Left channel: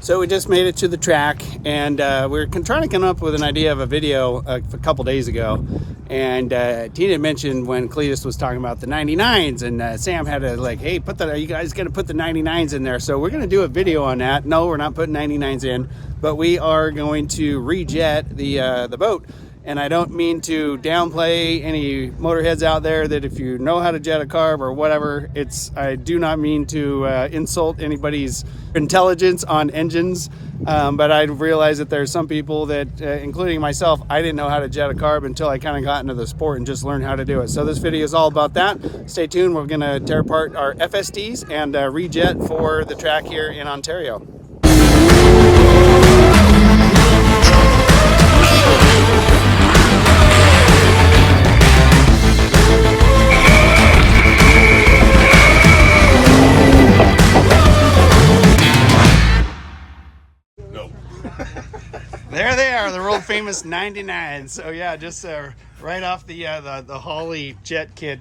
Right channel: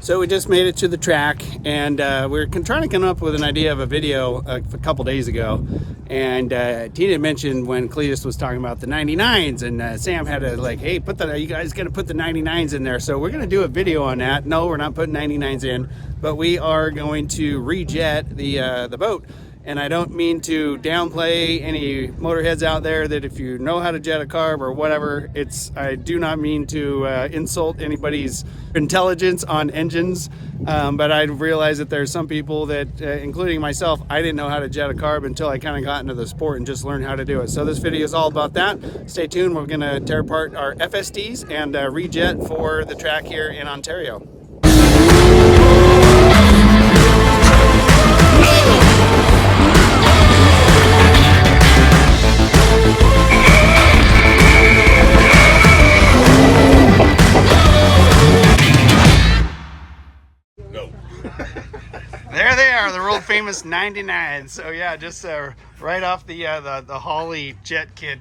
So we just made it to the track, and we were trying to come up with an idea of a video a couple days ago. And Tina mentioned when Cletus was talking about the 99s, and Sam had to like, hey, are you guys gonna put the 99s in there? So we're gonna do a video on that. No, we're not putting 99s in, but we are going to rejet the boat. And I don't mean to downplay any motorheads out there that if you know how to jet a carb or whatever, I do not mean to insult anybody's intelligence on engines, but I realize that there's some people that, including myself, I didn't know how to jet a carb until I kind of got into the sport and just learned how to do it. So this video is all about that. Stay tuned. We're going to tear apart our FSTs and rejet for the track here in Ontario. There they are, the world famous 99s. So yeah, just right off the Holley jet kit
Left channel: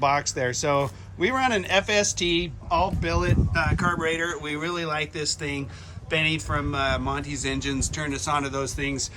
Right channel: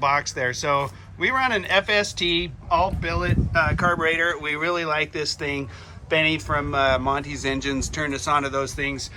box there. So we run an FST all billet carburetor. We really like this thing. Benny from Monty's Engines turned us onto those things.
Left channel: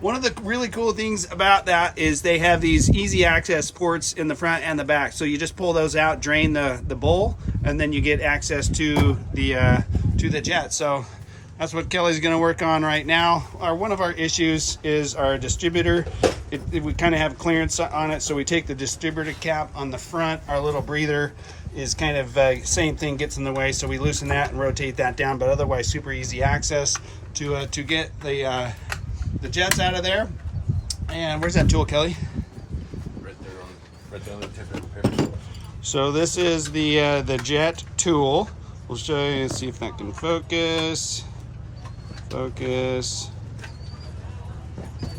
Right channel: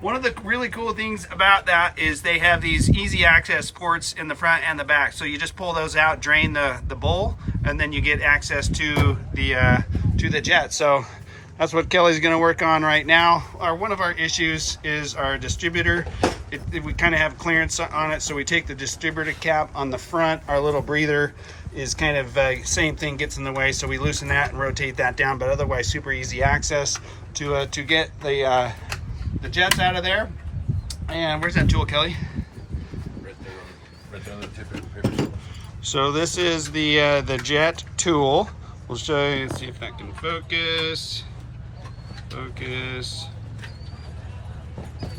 One of the really cool things about that is they have these easy access ports in the front and the back. So you just pull those out, drain the bowl, and then you get access to the jet. So that's what Kelly's going to work on right now. One of our issues is our distributor. We kind of have clearance on it, so we take the distributor cap on the front. Our little breather is kind of same thing, gets in the way, so we loosen that and rotate that down. But otherwise, super easy access to get the jets out of there. And where's that tool, Kelly? Right there on the tip of the paper. So this is the jet tool. We'll show you, see if that can focus. Focus.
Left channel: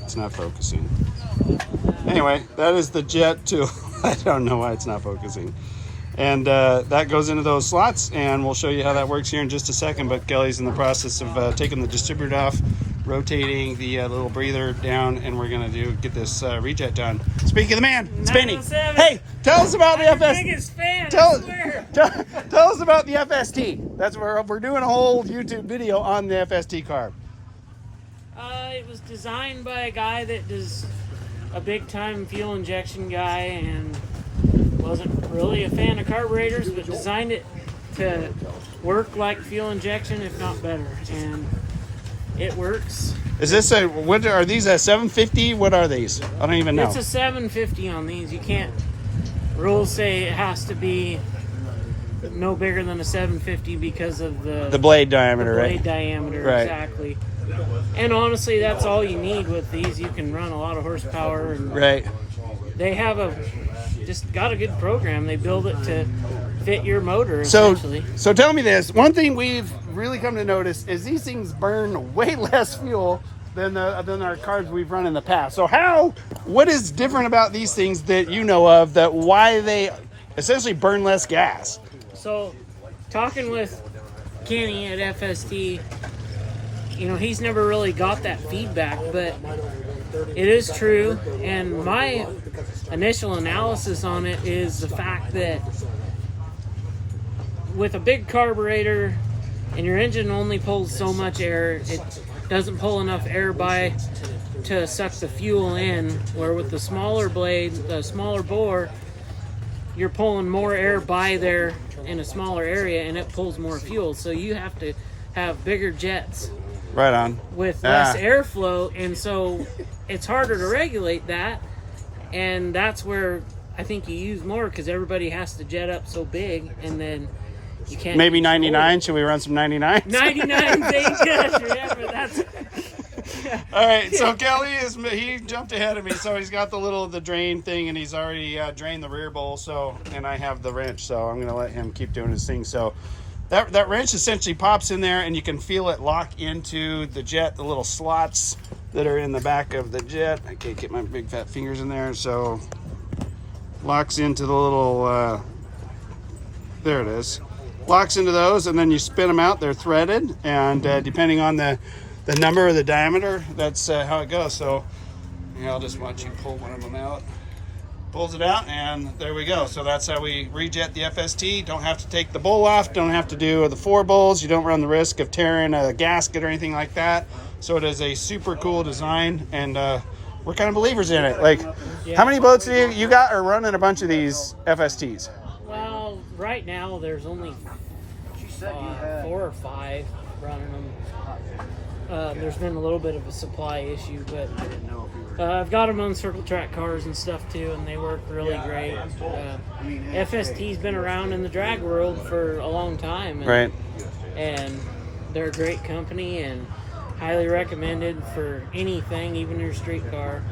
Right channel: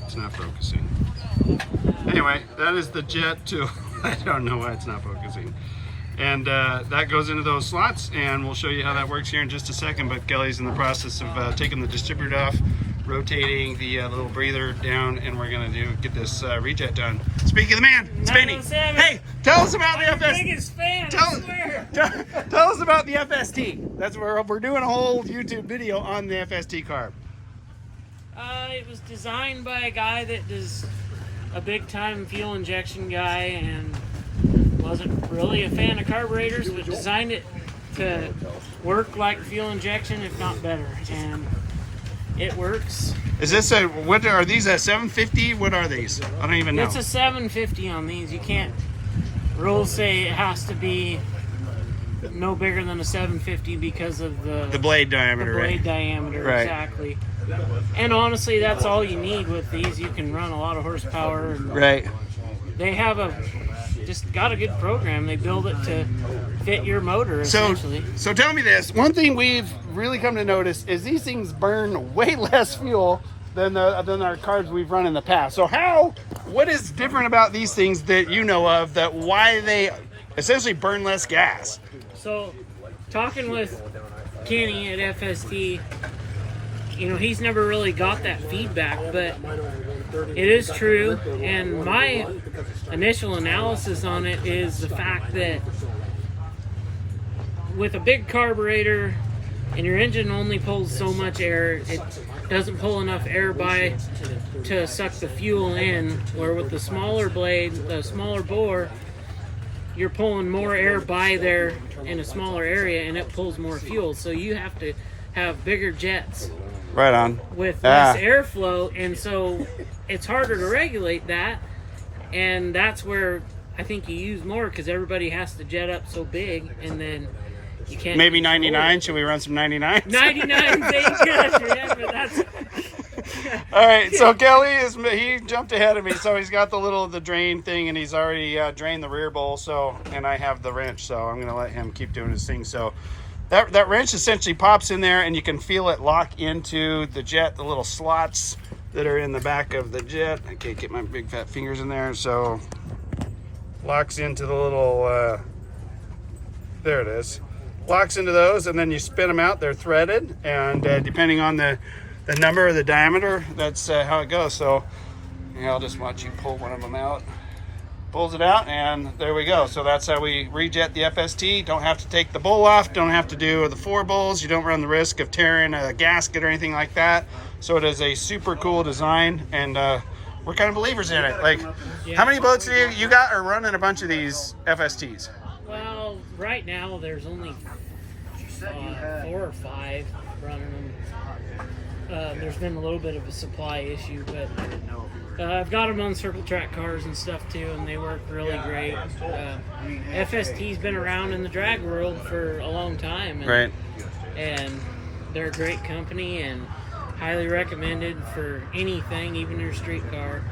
It's not focusing. Anyway, that is the jet tool. I don't know why it's not focusing. And that goes into those slots, and we'll show you how that works here in just a second. But Kelly's in the process of taking the distributor off, rotating the little breather down, and we're gonna get this rejet done. Speaking of the man, it's Benny. Hey, tell us about the FST. Biggest fan, I swear. Tell us about the FST. That's where we're doing a whole YouTube video on the FST carb. It was designed by a guy that was a big-time fuel injection guy and wasn't really a fan of carburetors, but designed it to work like fuel injection, if not better. And it works. Is this what are these, a 750? What are these? I don't even know. It's a 750 on these. You can't, rules say it has to be no bigger than a 750 because of the blade diameter, right? Right. Exactly. And honestly, that's all you need with these. You can run a lot of horsepower. And right. They have just got a good program. They build it to fit your motor, essentially. So tell me this. One thing we've really come to notice is these things burn way less fuel than our carbs we've run in the past. So what is different about these things that you know of, that why they essentially burn less gas? So talking with Kenny at FST, he's never really got that feedback, but it is true. And my initial analysis on it is the fact that with a big carburetor and your engine only pulls so much air, it doesn't pull enough air by to suck the fuel in, where with the smaller blade, the smaller bore, you're pulling more air by there in a smaller area, and it pulls more fuel. So you have to have bigger jets. Right on. With less airflow, and so it's harder to regulate that, and that's where I think you use more, because everybody has to jet up so big, and then you can't. Maybe 99. Should we run some 99s? 99 ain't good, yeah, but that's. All right, so Kelly he jumped ahead of me, so he's got the drain thing, and he's already drained the rear bowl. So, and I have the wrench, so I'm gonna let him keep doing his thing. So that wrench essentially pops in there, and you can feel it lock into the jet, the little slots that are in the back of the jet. I can't get my big fat fingers in there, so locks into the little there it is, locks into those, and then you spin them out. They're threaded, and depending on the number or the diameter, that's how it goes. So I'll just watch you pull one of them out. pulls it out, and there we go. So that's how we rejet the FST. Don't have to take the bowl off, don't have to do the 4 bowls. You don't run the risk of tearing a gasket or anything like that. So it is a super cool design, and we're kind of believers in it. Like, how many boats do you got are running a bunch of these FSTs? Well, right now there's only 4 or 5 running them. There's been a little bit of a supply issue, but I've got them on circle track cars and stuff too, and they work really great. FST's been around in the drag world for a long time, and, Right. and they're a great company and highly recommended for anything, even your street car.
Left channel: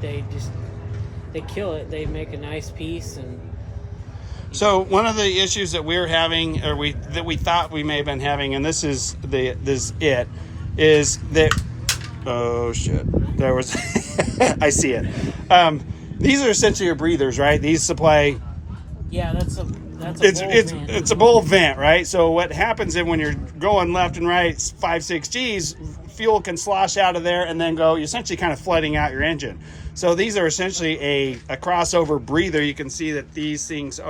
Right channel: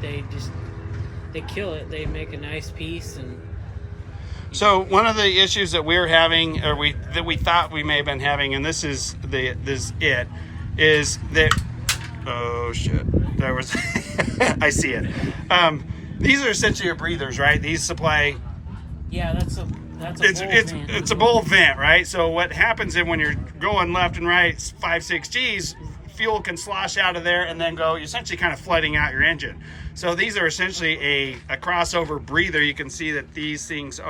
They kill it. They make a nice piece. And so one of the issues that we're having, or we thought we may have been having, and this is that oh shit, there was I see it. These are essentially your breathers, right? These supply. Yeah, that's a it's a bowl vent, right? So what happens is when you're going left and right 5-6 G's, fuel can slosh out of there and then go essentially kind of flooding out your engine. So these are essentially a crossover breather. You can see that these things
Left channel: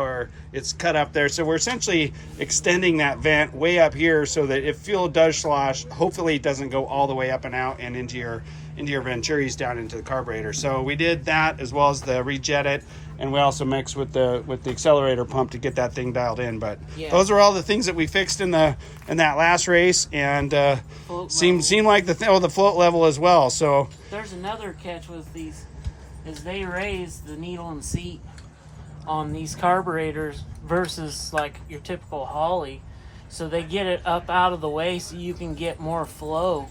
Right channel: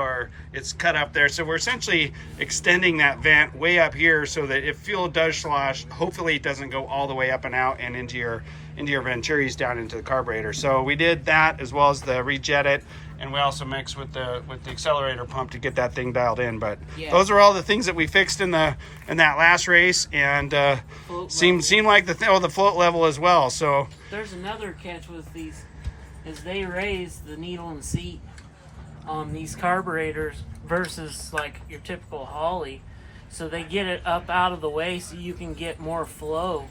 it's cut up there. So we're essentially extending that vent way up here so that if fuel does slosh, hopefully it doesn't go all the way up and out and into your venturis down into the carburetor. So we did that as well as the rejet it. And we also mixed with the accelerator pump to get that thing dialed in. But those are all the things that we fixed in that last race, and seemed like the float level as well. So there's another catch with these, is they raise the needle and seat on these carburetors versus like your typical Holly, so they get it up out of the way so you can get more flow.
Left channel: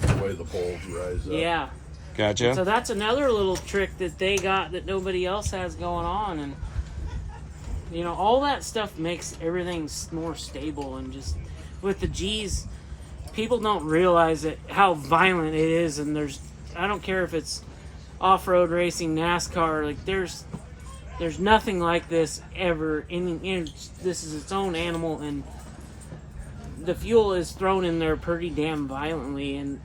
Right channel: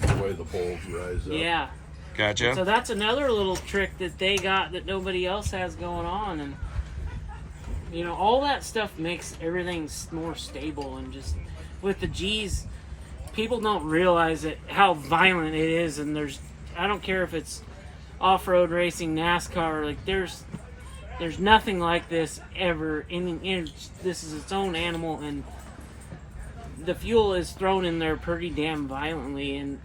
The way the poles rise up. Yeah. Gotcha. So that's another little trick that they got that nobody else has going on, and all that stuff makes everything more stable. And just with the G's, people don't realize how violent it is. And I don't care if it's off-road racing, NASCAR, like there's nothing like this ever. This is its own animal, and the fuel is thrown in there pretty damn violently, and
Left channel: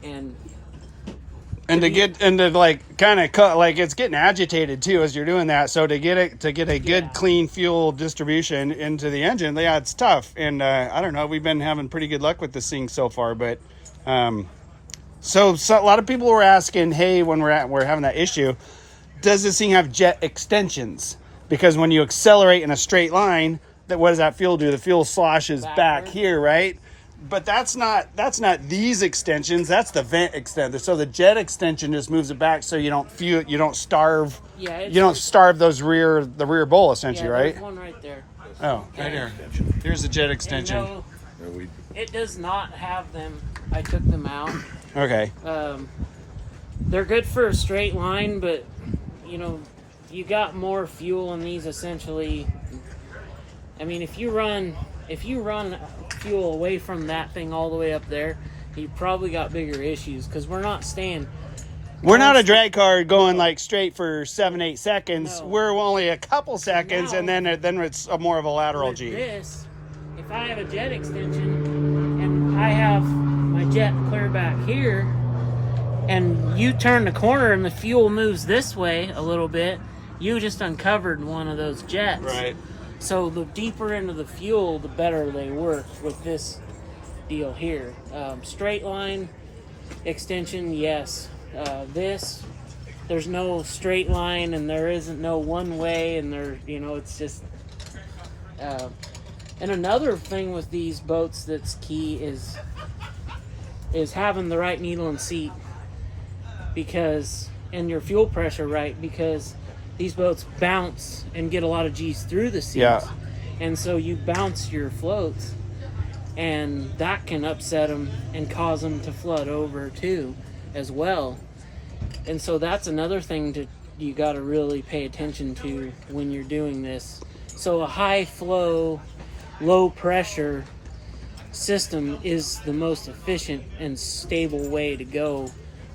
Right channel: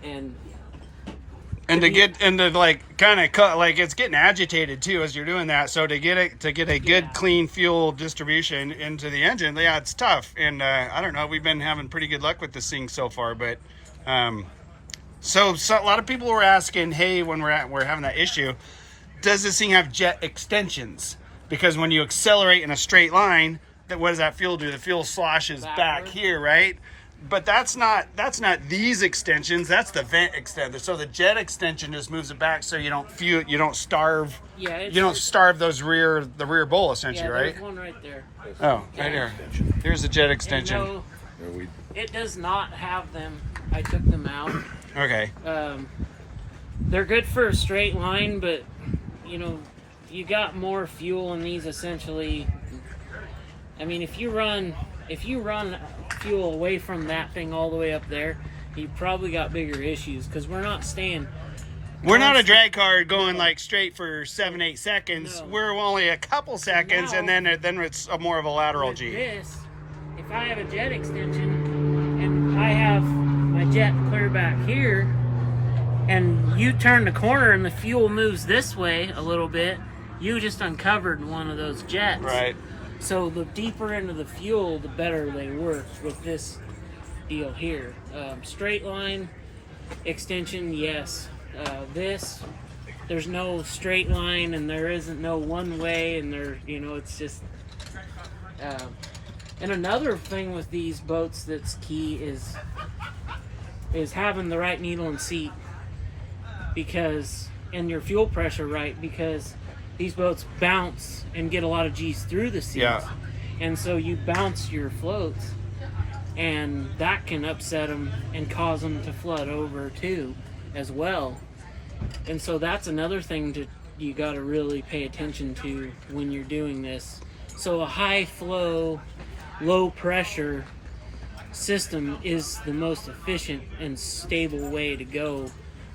to like kind of cut, like it's getting agitated too as you're doing that. So to get a good clean fuel distribution into the engine, yeah, it's tough. And I don't know, we've been having pretty good luck with this thing so far. But so a lot of people were asking, hey, when we're having that issue, does this thing have jet extensions? Because when you accelerate in a straight line, what does that fuel do? The fuel sloshes back here, right? But that's not these extensions. That's the vent extender. So the jet extension just moves it back, so you don't starve. Yeah, you don't starve the rear bowl essentially, right? There's one right there. Oh, right here. Here's the jet extension. It does not have them. I took them out. Okay. They're good for a straight line, but you got more fuel in these essentially. I mean, if you run fuel away from that thing all the way up there, you probably got bigger issues, because we're not not a drag car going like straight for 7-8 seconds. No. We're only a couple seconds, now, and then it's more of a lateral G. This, if I have a jet extension and I have my jet clear back here, and you turn the corner and the fuel moves this way a little bit, you just uncovered one of those jets. Right. So the deeper into the fuel, the better they work with this deal here. Straight line extension, yes. There's no straight line, and there isn't no one way, and it's just. And another thing with these boats that's key is having the right needle and seat, and your fuel pressure right, because these boats bounce and get a lot of G's through the seats. Yeah. And so you bounce your floats, and that can upset them and cause them to flood over too, as well. And so that's another thing you got to really pay attention to when you're doing this. So a high flow, low pressure system is the most efficient and stable way to go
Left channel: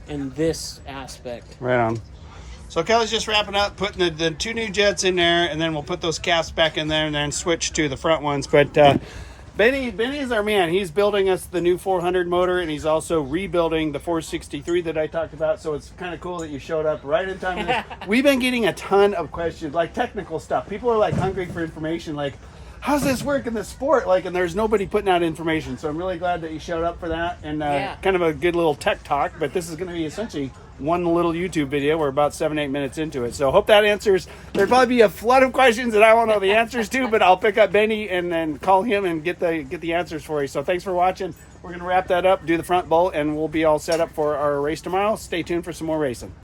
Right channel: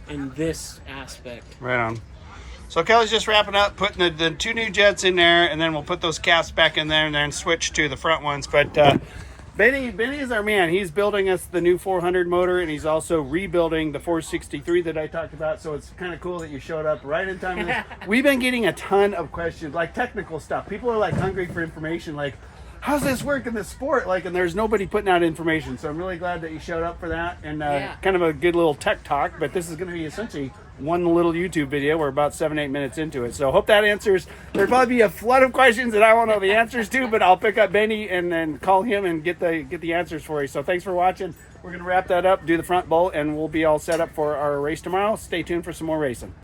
in this aspect. Right on. So Kelly's just wrapping up, putting the 2 new jets in there, and then we'll put those caps back in there and then switch to the front ones. But Benny is our man. He's building us the new 400 motor, and he's also rebuilding the 463 that I talked about. So it's kind of cool that you showed up right in time. For this. We've been getting a ton of questions, like technical stuff. People are like hungry for information, like, how's this work in the sport? Like, and there's nobody putting out information. So I'm really glad that you showed up for that, and kind of a good little tech talk. But this is going to be essentially one little YouTube video. We're about 7-8 minutes into it. So hope that answers. There'll probably be a flood of questions that I won't know the answers to, but I'll pick up Benny and then call him and get the answers for you. So thanks for watching. We're going to wrap that up, do the front bolt, and we'll be all set up for our race tomorrow. Stay tuned for some more racing.